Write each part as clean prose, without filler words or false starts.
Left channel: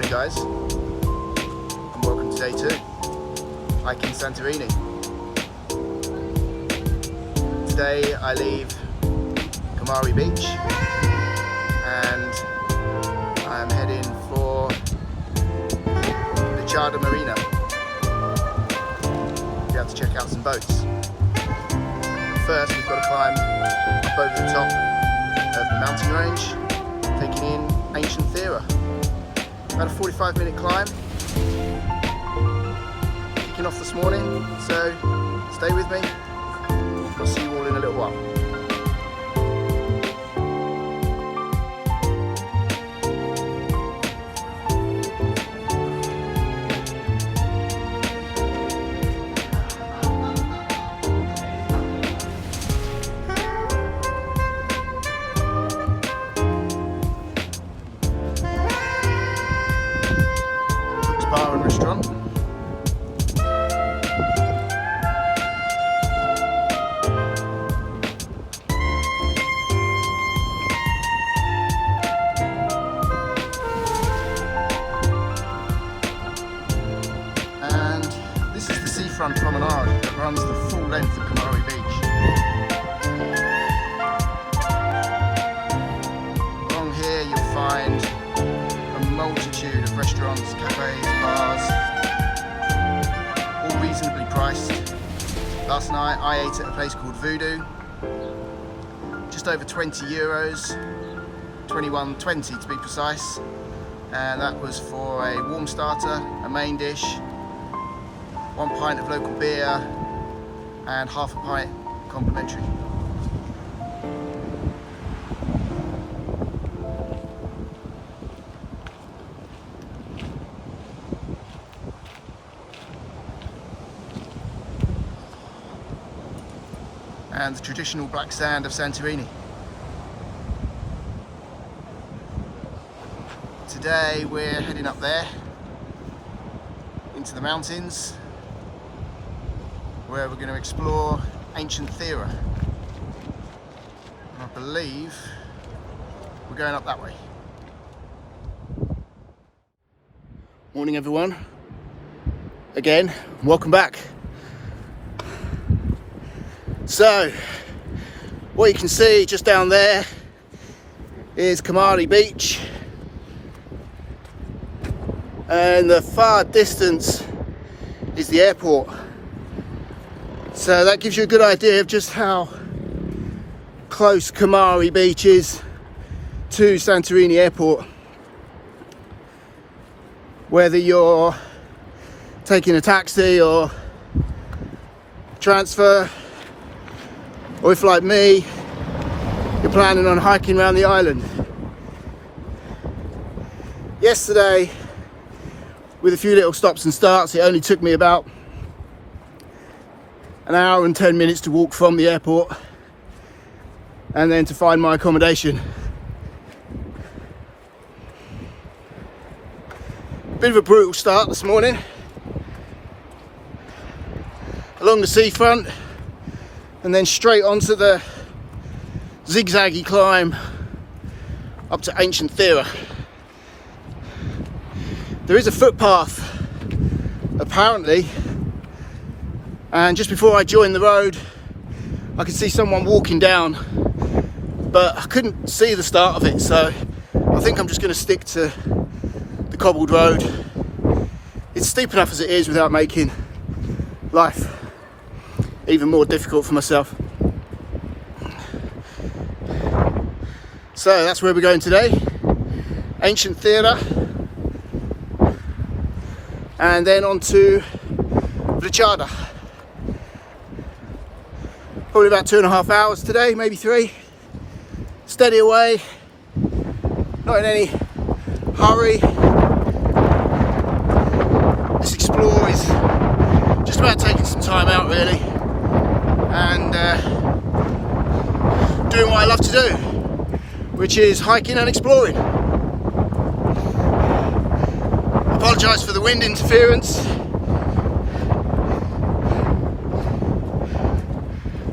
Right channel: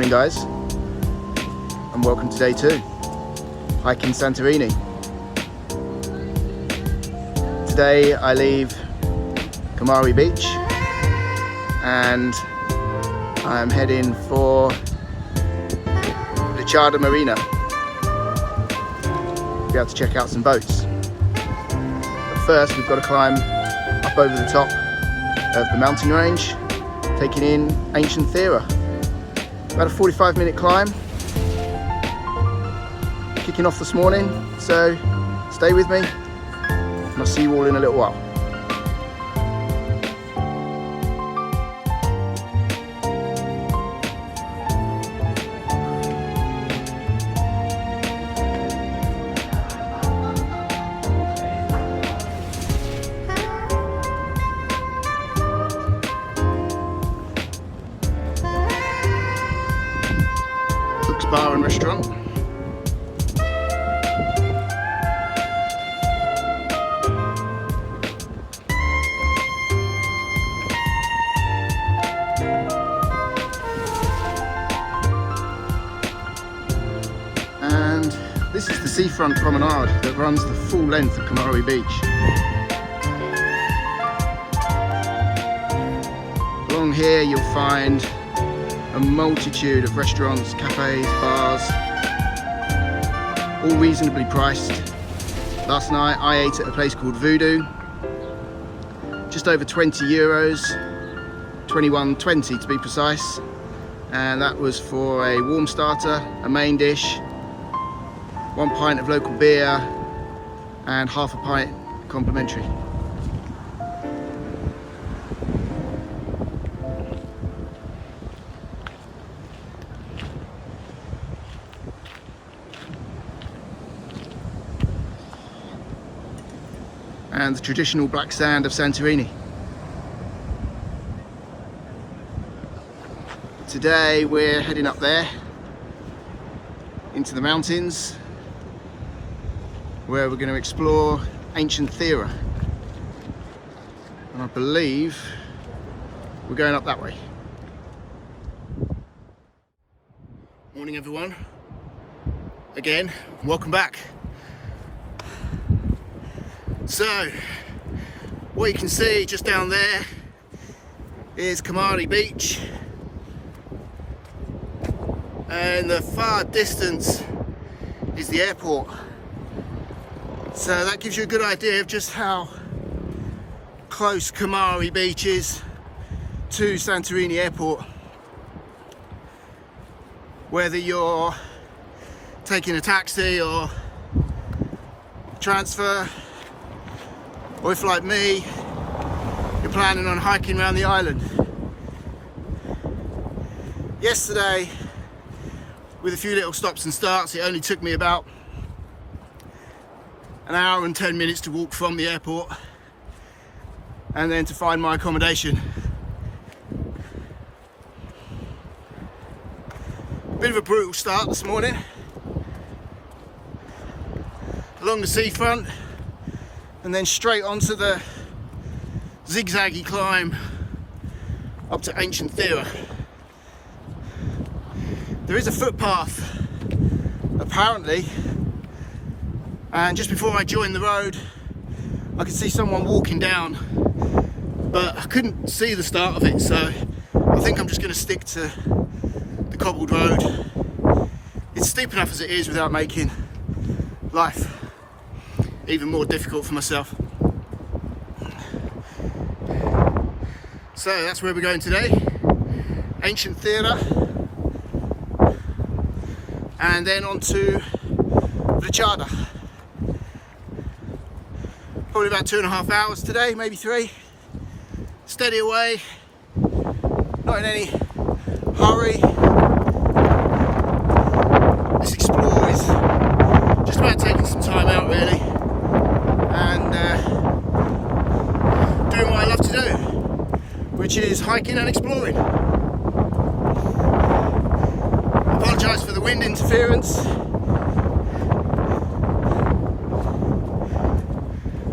Morning guys, and welcome to day 2, hiking Santorini. Today I leave Kamari beach and I'm heading for Vlychada Marina. Be able to check out some boats. But first we've got to climb up over the top of the mountain range, taking in ancient Thera. About a 45-minute climb, kicking off this morning, so stay with me. I'll see you all in a little while. Bar and restaurant. And this is the seafront promenade that runs the full length of Kamari beach. Along here you'll find a multitude of restaurants, cafes, bars, all reasonably priced. Last night I ate at a place called Voodoo, just over 20 euros, 21.20 to be precise, and that was for a warm starter, a main dish, 1 pint of local beer and half a pint complimentary. And the traditional black sand of Santorini. Today we're heading up there into the mountains where we're going to explore ancient Thera. And I believe we're going up that way. Morning everyone. Again, welcome back. So, what you can see just down there is Kamari beach, and the far distance is the airport. So that gives you a good idea of just how close Kamari beach is to Santorini airport. Whether you're taking a taxi or transfer, or if like me, you're planning on hiking around the island. Yesterday, with a few little stops and starts, it only took me about an hour and 10 minutes to walk from the airport and then to find my accommodation. Bit of a brutal start this morning. Along the seafront, and then straight onto the zigzaggy climb up to ancient Thera. There is a footpath apparently, and just before I joined the road I could see someone walking down, but I couldn't see the start of it, so I think I'm just going to stick to the cobbled road. It's steep enough as it is without making life even more difficult for myself. So that's where we're going today, ancient Thera, and then on to Vlychada. Probably about 2.5 hours today, maybe 3. Steady away, not in any hurry. This explore is just about taking some time out really, and doing what I love to do, which is hiking and exploring. Apologise for the wind interference.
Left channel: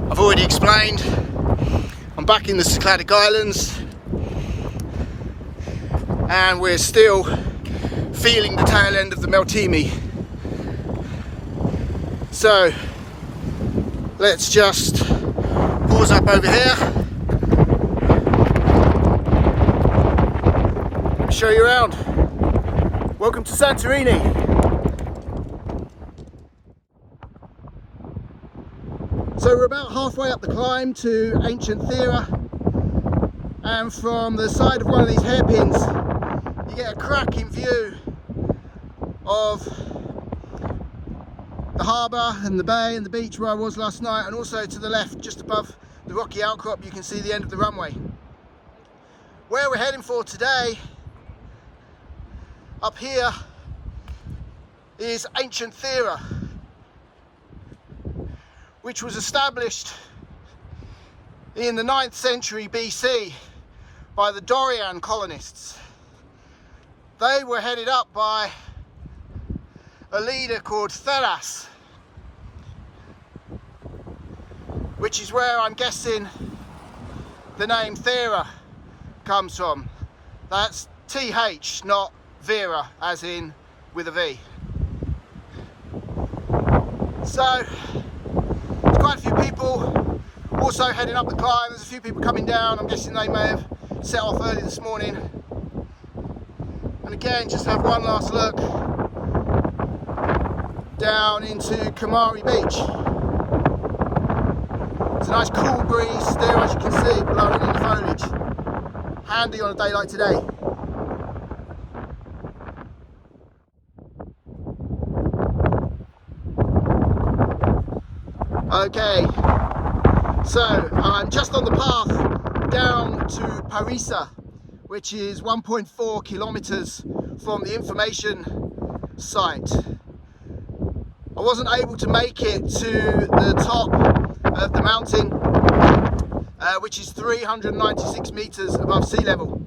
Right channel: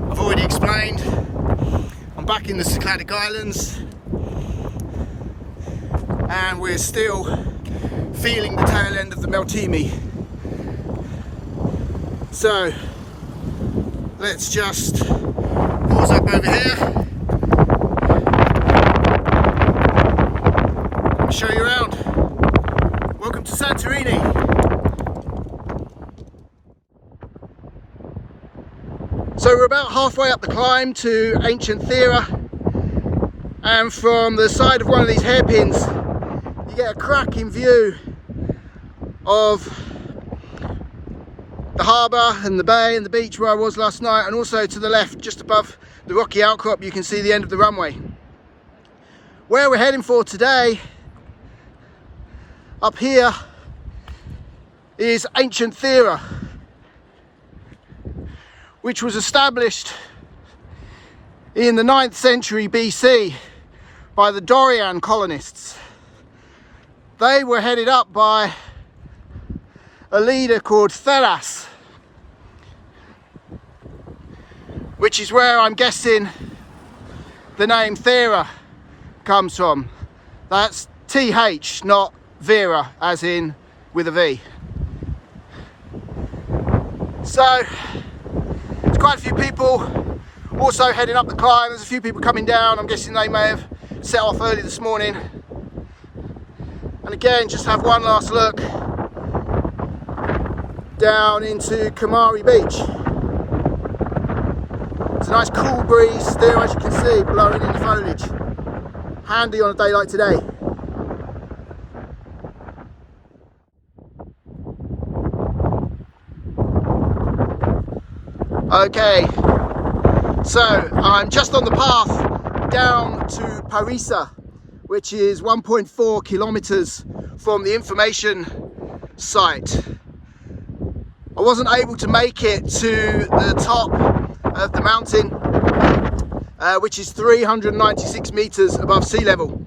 I've already explained, I'm back in the Cycladic Islands and we're still feeling the tail end of the Meltemi. So let's just pause up over here, show you around. Welcome to Santorini. So we're about halfway up the climb to ancient Thera, and from the side of one of these hairpins you get a cracking view of the harbour and the bay and the beach where I was last night, and also to the left, just above the rocky outcrop, you can see the end of the runway. Where we're heading for today, up here, is ancient Thera, which was established in the 9th century BC by the Dorian colonists. They were headed up by a leader called Theras, which is where I'm guessing the name Thera comes from. That's TH, not Vera, as in with a V. So there's quite a few people also heading up the climb. There's a few people coming down. I'm guessing they may have set off early this morning. And again, just have one last look down into Kamari beach. It's a nice cool breeze still, as you can see, blowing in the foliage. Handy on a day like today. Okay, so I'm just on the path down to Parisa, which is 1.4 kilometers from the information site. I wasn't able to make it to the top of the mountain, which is 396 meters above sea level.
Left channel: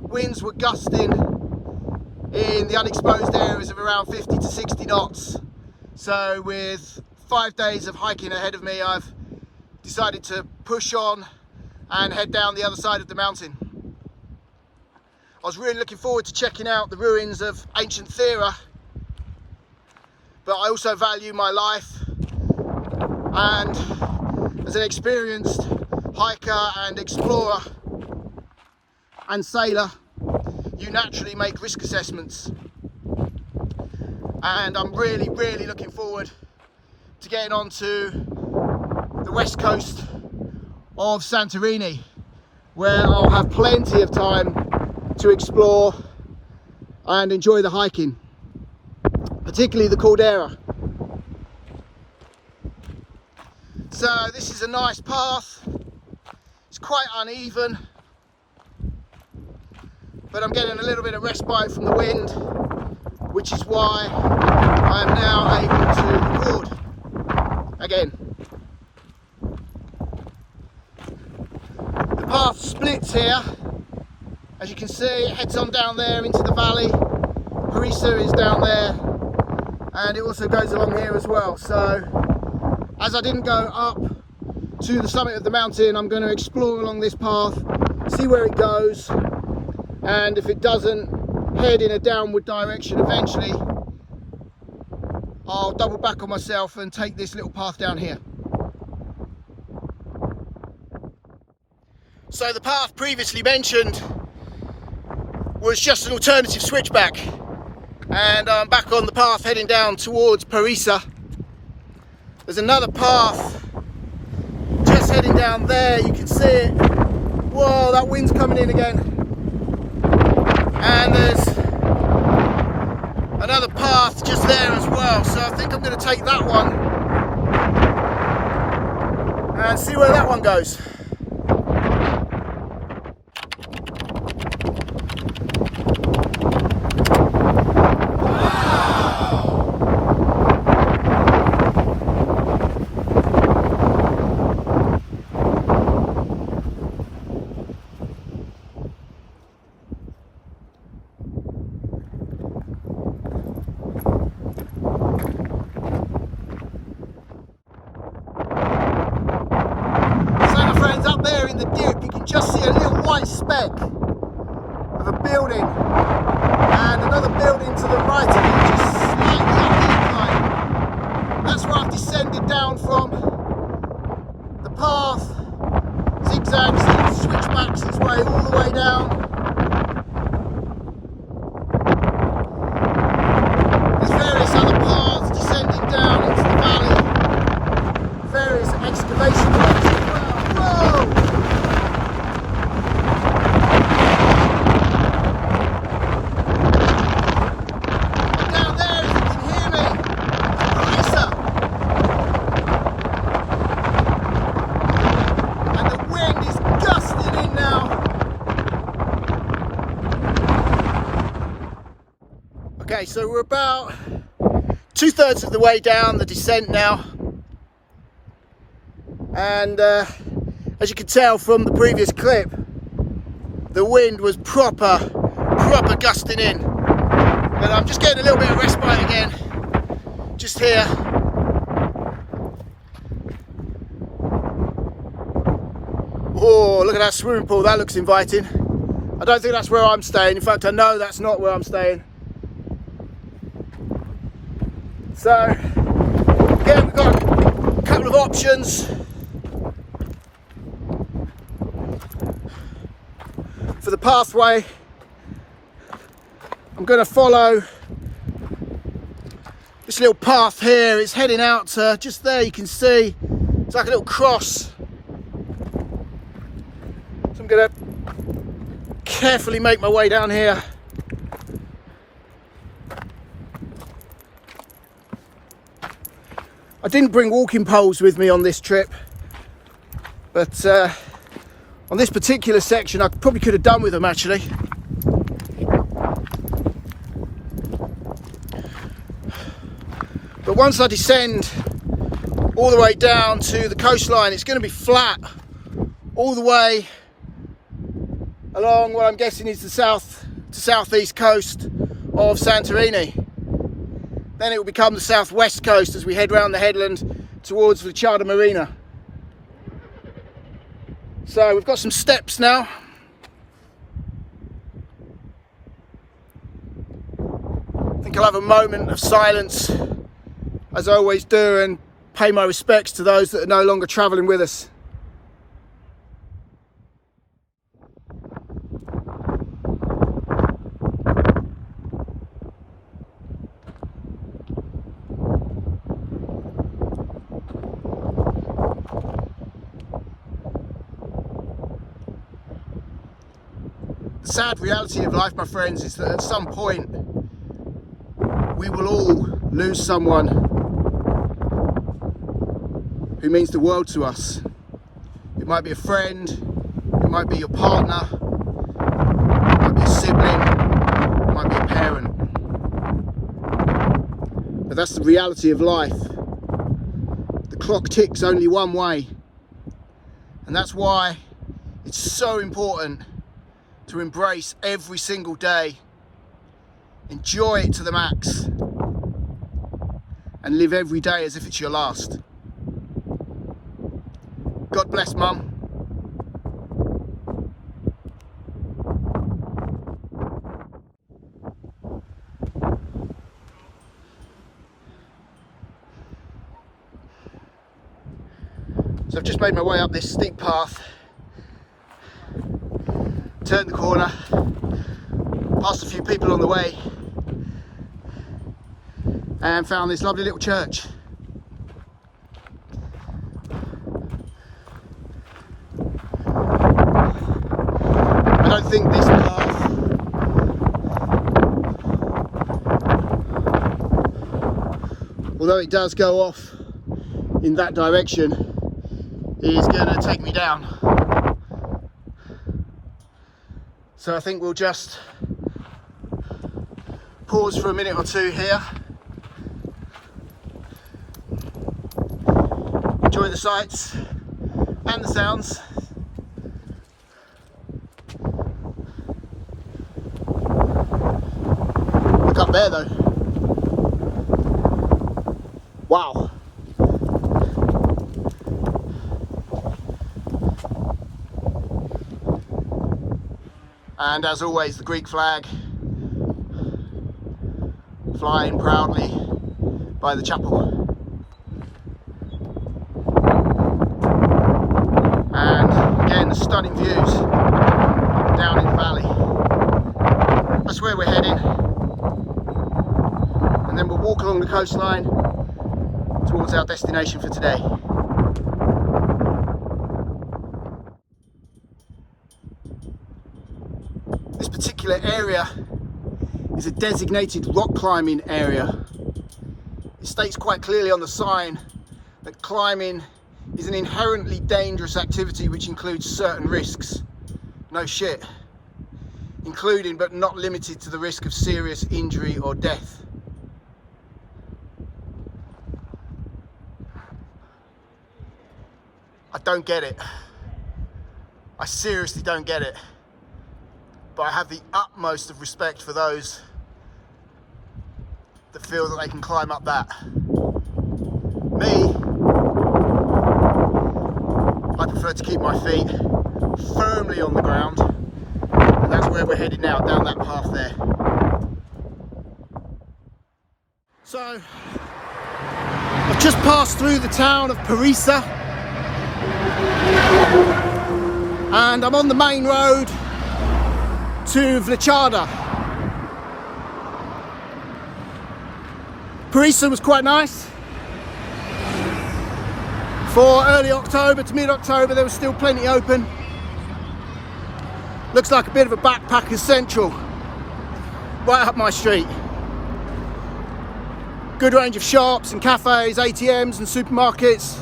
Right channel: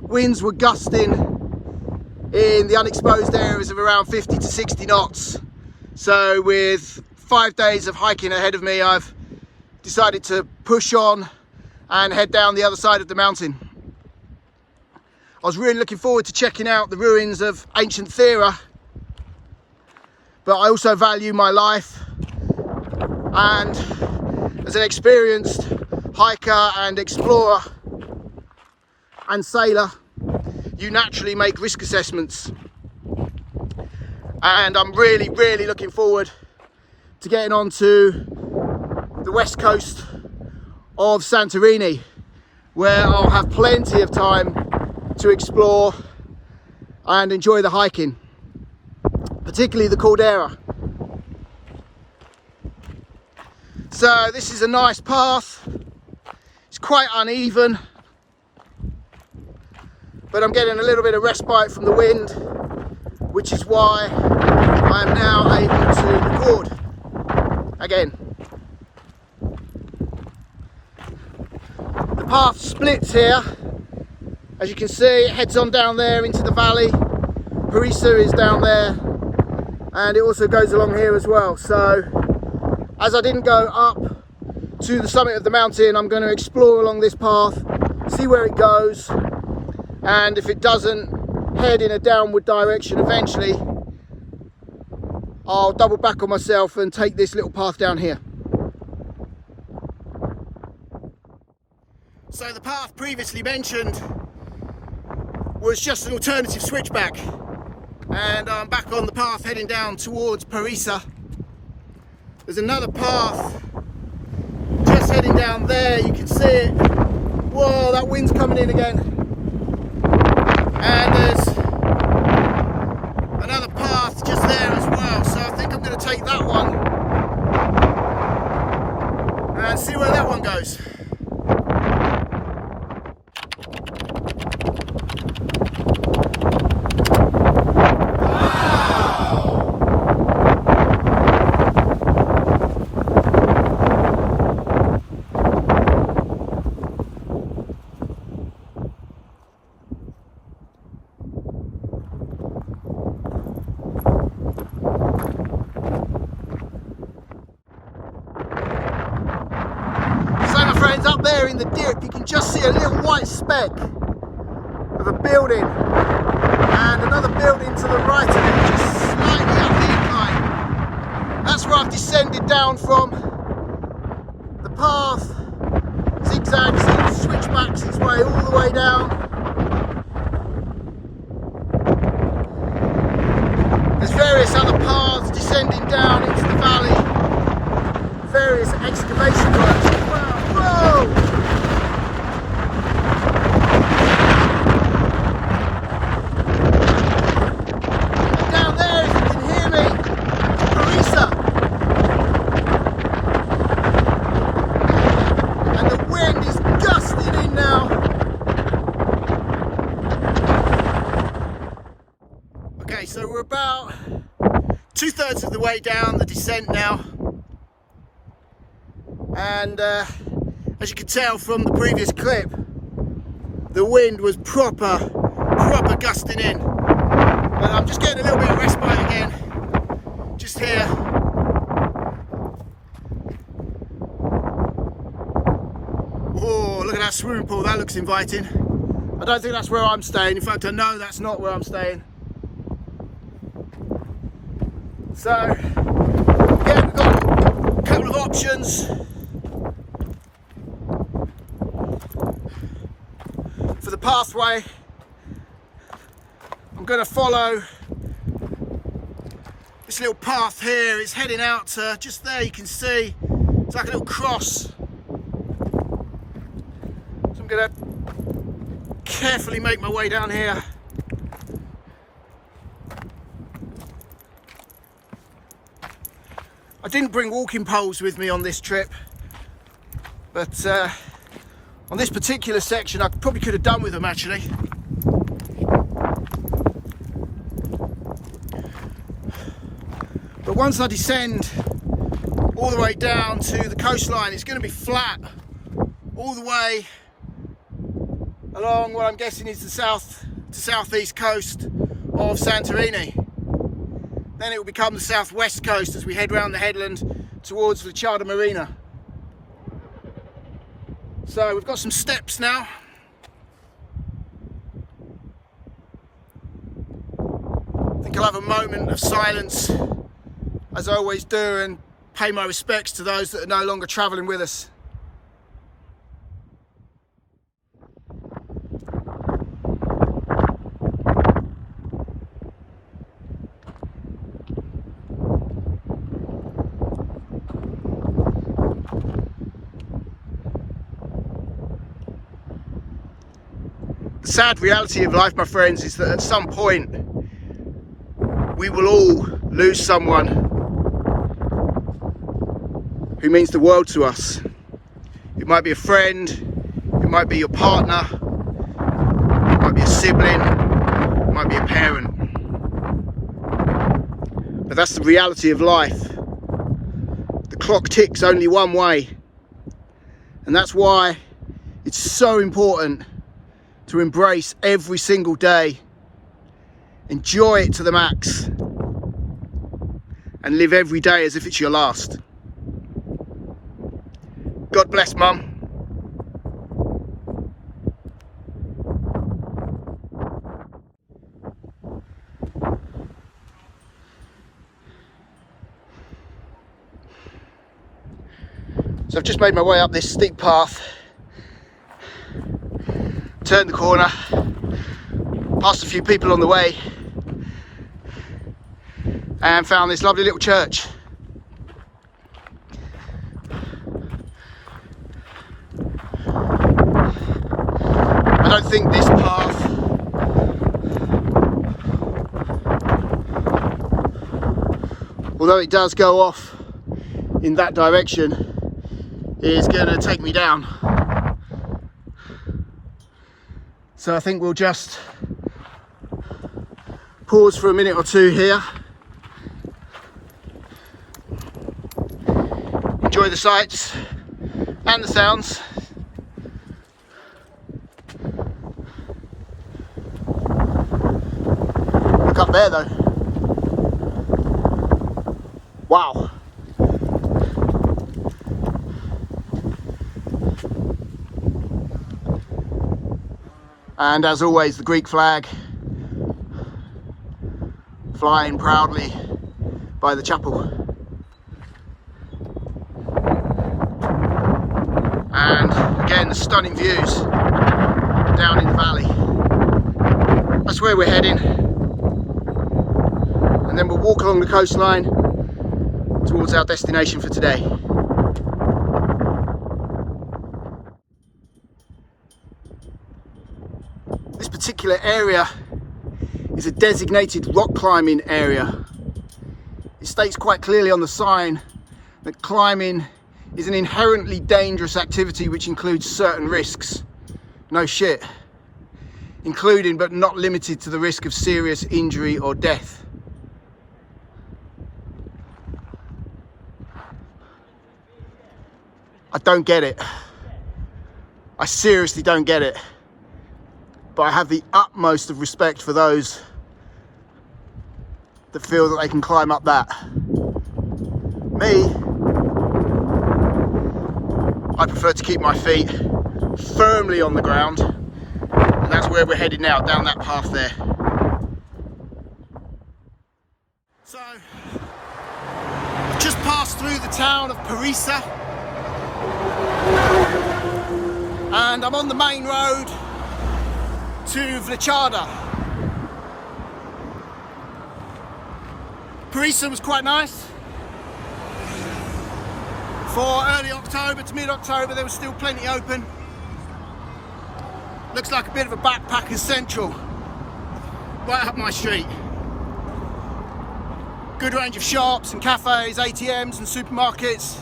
Winds were gusting in the unexposed areas of around 50 to 60 knots. So with 5 days of hiking ahead of me, I've decided to push on and head down the other side of the mountain. I was really looking forward to checking out the ruins of ancient Thera, but I also value my life, and as an experienced hiker and explorer and sailor, you naturally make risk assessments, and I'm really looking forward to getting onto the west coast of Santorini, where I'll have plenty of time to explore and enjoy the hiking, particularly the Caldera. So this is a nice path. It's quite uneven, but I'm getting a little bit of respite from the wind, which is why I am now able to record again. The path splits here. As you can see, it heads on down there into the valley. Parisa is down there, and it also goes along here as well. So as I didn't go up to the summit of the mountain, I'm going to explore along this path, see where it goes, and if it doesn't head in a downward direction eventually, I'll double back on myself and take this little path down here. So the path previously mentioned was just an alternative switchback, and I'm back on the path heading down towards Parisa. There's another path just heading down there, you can see it. Whoa, that wind's coming in again. And there's another path just there as well, so I think I'm going to take that one and see where that one goes. Up there in the dip, you can just see a little white speck of a building, and and another building to the right of it, just slightly up the incline. That's where I've descended down from. The path zigzags and switchbacks its way all the way down. There's various other paths descending down into the valley, various excavation works as well. Whoa! Okay, so we're about 2/3 of the way down the descent now, and as you can tell from the previous clip, the wind was proper gusting in, and I'm just getting a little bit of respite again, just here. Oh, look at that swimming pool, that looks inviting. I don't think that's where I'm staying. In fact, I know that's not where I'm staying. So, again, we've got a couple of options for the pathway. I'm going to follow this little path here. It's heading out to just there, you can see. It's like a little cross. So I'm going to carefully make my way down here. I didn't bring walking poles with me on this trip, but on this particular section I probably could have done with them actually. But once I descend all the way down to the coastline, it's going to be flat all the way along what I'm guessing is the south to southeast coast of Santorini. Then it will become the southwest coast as we head round the headland towards Vlychada Marina. So we've got some steps now. I think I'll have a moment of silence, as I always do, and pay my respects to those that are no longer travelling with us. The sad reality of life, my friends, is that at some point we will all lose someone who means the world to us. It might be a friend, it might be your partner, it might be a sibling, it might be a parent. But that's the reality of life. The clock ticks only one way, and that's why it's so important to embrace every single day, enjoy it to the max, and live every day as if it's your last. God bless, Mum. So I've just made my way up this steep path, turned the corner, passed a few people on the way, and found this lovely little church. I don't think this path although it does go off in that direction, is going to take me down. So I think we'll just pause for a minute or two here, enjoy the sights and the sounds. Look up there though. Wow. And as always, the Greek flag flying proudly by the chapel. And again, the stunning views down in the valley. That's where we're heading. And then we'll walk along the coastline towards our destination for today. This particular area is a designated rock climbing area. It states quite clearly on the sign that climbing is an inherently dangerous activity which includes certain risks. No shit. Including but not limited to the risk of serious injury or death. I don't get it. I seriously don't get it. But I have the utmost of respect for those that feel that they can climb up that. Me, I prefer to keep my feet firmly on the ground, and that's where we're headed now, down that path there. So, I've just passed through the town of Parisa, and I'm on the main road to Vlychada. Parisa was quite nice. For early October to mid-October, there was still plenty open. Looks like a bit of a backpacker's central, right up my street. Good range of shops and cafes, ATMs and supermarkets,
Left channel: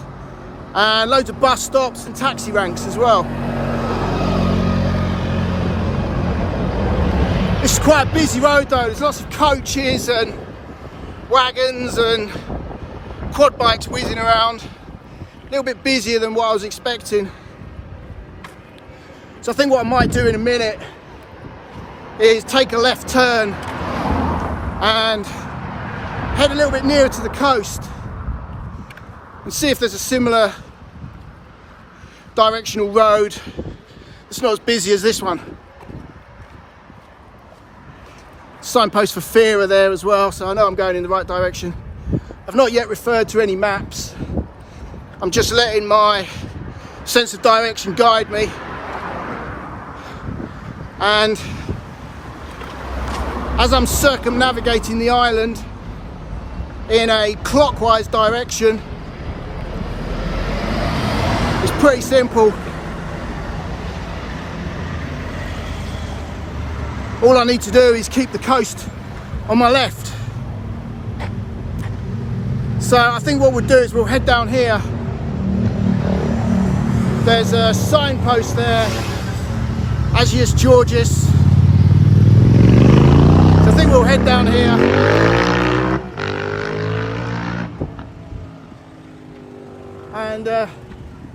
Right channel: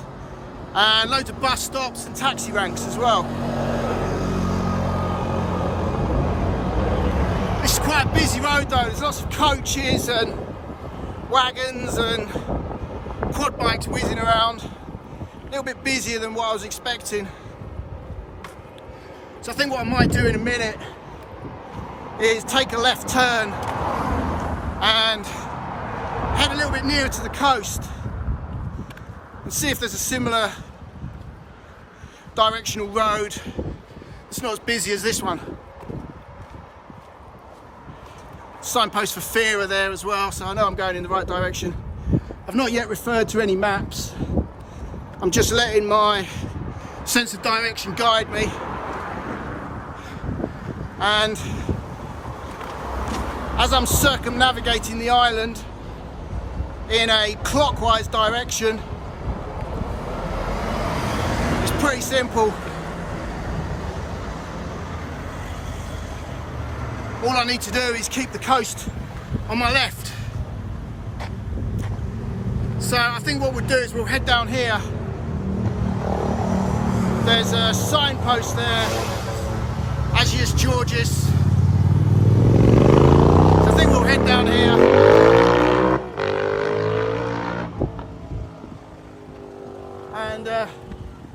and loads of bus stops and taxi ranks as well. This is quite a busy road though. There's lots of coaches and wagons and quad bikes whizzing around. A little bit busier than what I was expecting. So I think what I might do in a minute is take a left turn and head a little bit nearer to the coast and see if there's a similar directional road that's not as busy as this one. Signpost for fear are there as well, so I know I'm going in the right direction. I've not yet referred to any maps. I'm just letting my sense of direction guide me. And as I'm circumnavigating the island in a clockwise direction, it's pretty simple. All I need to do is keep the coast on my left. So I think what we'll do is we'll head down here. There's a signpost there, Agios Georgios. So I think we'll head down here. And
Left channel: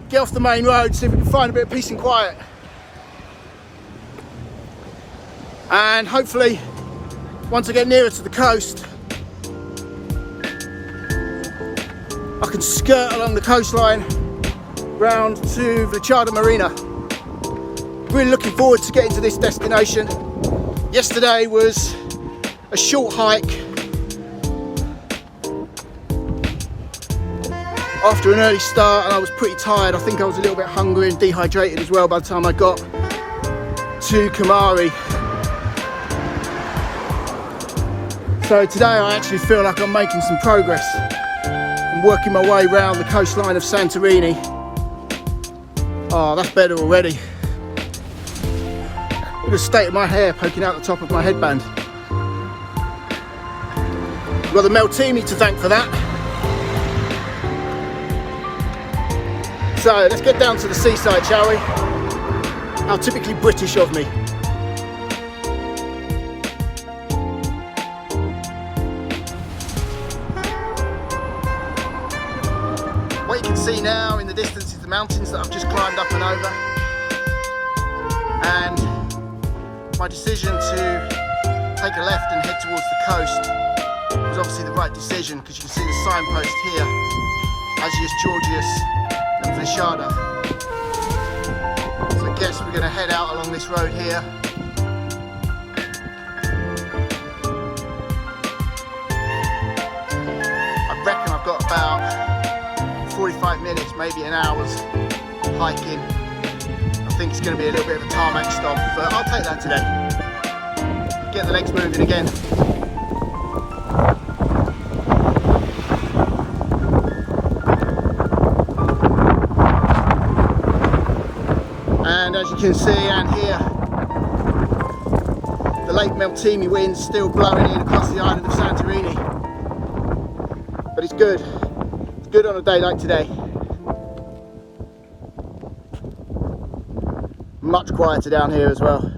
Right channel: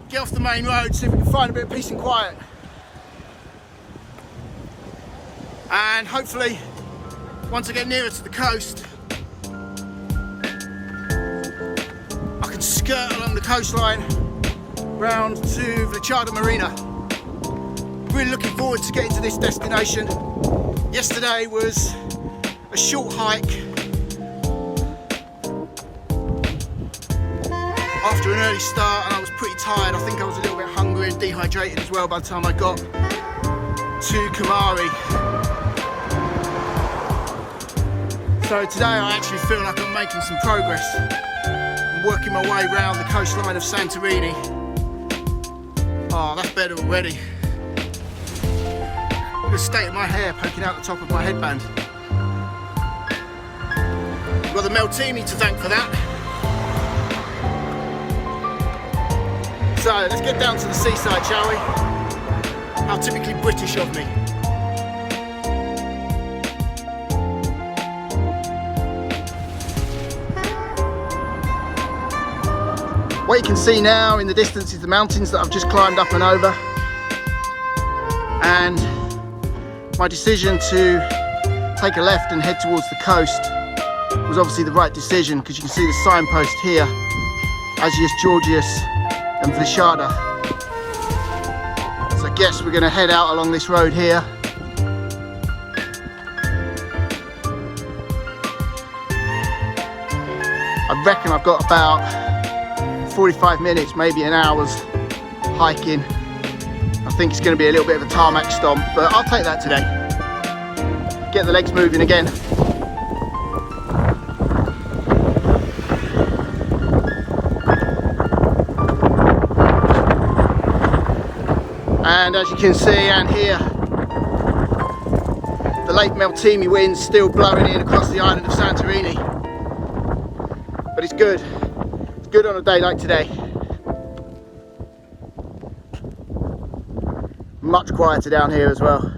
get off the main road, see if we can find a bit of peace and quiet. And hopefully, once I get nearer to the coast, I can skirt along the coastline round to Vlychada Marina. Really looking forward to getting to this destination. Yesterday was a short hike after an early start, and I was pretty tired. I think I was a little bit hungry and dehydrated as well by the time I got to Kamari. So today I actually feel like I'm making some progress. I'm working my way around the coastline of Santorini. Oh, that's better already. Look at the state of my hair poking out the top of my headband. I've got the Meltini to thank for that. So let's get down to the seaside, shall we? How typically British of me. What you can see now in the distance is the mountains that I've just climbed up and over. And my decision to take a left and head towards the coast was obviously the right decision, because you can see the signpost here, Agios Georgios and Vlychada. So I guess we're going to head out along this road here. I reckon I've got about 45 minutes, maybe an hour's hiking. I think it's going to be a little bit of a tarmac stomp, but I'll take that today. Get the legs moving again. And as you can see and hear, the late Meltemi wind's still blowing in across the island of Santorini. But it's good. It's good on a day like today. Much quieter down here as well.